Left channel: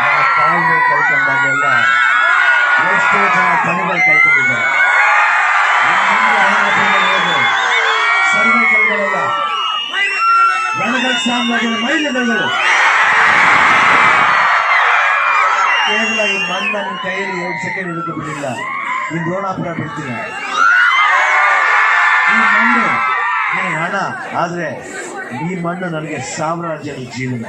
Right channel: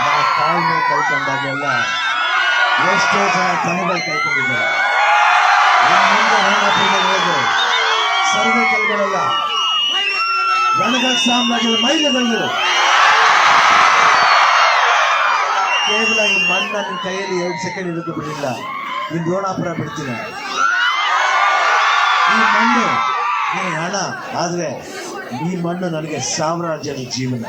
ನಾವು ತಾಳ್ಮೆ ಕಳ್ಕೊಂಡಾಗೆಲ್ಲ ಎಷ್ಟೋ ಜನ ತಲೆಗಳು ಕಳ್ಕೊಂಡಿದ್ದಾರೆ ಸರ್ವೆ ಸರ್ವಕಲ್ಗಳಲ್ಲ ರಣಗಳ ಸಾಮ್ರಾಜ್ಯದ ಮೈಲಿಗಳು ಕೇವಲ ಈ ಮಣ್ಣನ್ನು ಕೈಯಲ್ಲಿ ಎರಡು ಸೆಕೆಂಡ್ ಹಿಡಿದು ಬಿಡಿಲ್ಲ. ನಿನ್ ದ್ರೋಣಾಪುರ ಬಿಡ್ತೀನಿ. ಈ ಮಣ್ಣು ನನಗೆ ಹಣ, ಆದರೆ ಈ ಮಣ್ಣು ನನಗೆ ಸಾಮ್ರಾಜ್ಯದ ಜೀವನ.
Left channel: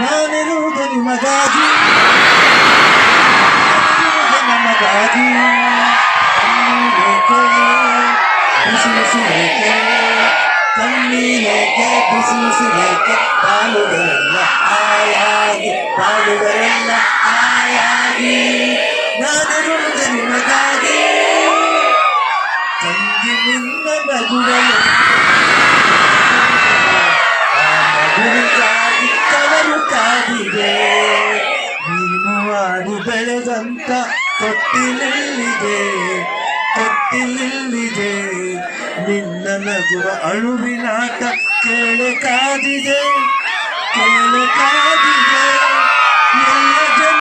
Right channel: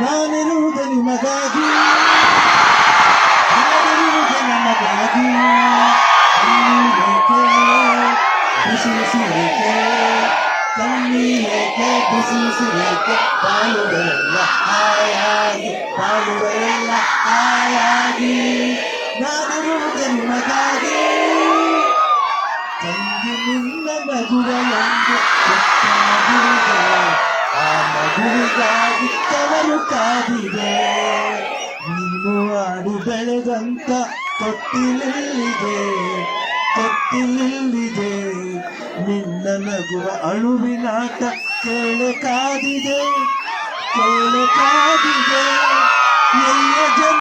ನಾನಿರುವುದು ನಿಮಗಾಗಿ. ನಾನಿರುವುದು ನಮಗಾಗಿ. ಬಿಸಿ ಬಿಸಿ ಬಿಸಿರೇಕೆ ಬಾಳುಗಳೆಲ್ಲ ಹಾಯಾಗಿ ಬಾಳುಗಳೆಲ್ಲ ಹಾಯಾಗಿ ನಾನಿರುವುದು ನಿಮಗಾಗಿ ತಂಗಿ ನಿನ್ನ ನಗುಗಳೊಂದು ಆ ಮಗುವಿಗಾಗಿ ಕವರು ಕಾದಿದೆ ನೀನು ಆಡಿ ಬೆಳೆದಂತ ತೊಟ್ಟಿಲಿಲ್ಲಿದೆ ತೊಟ್ಟಿಲಿಲ್ಲಿದೆ ನಿನ್ನ ನಗುವ ಅಣುವಿನಾಟ ಕೇಳೆ ಕಾದಿದೆ ಕೇಳೆ ಕಾದಿದೆ.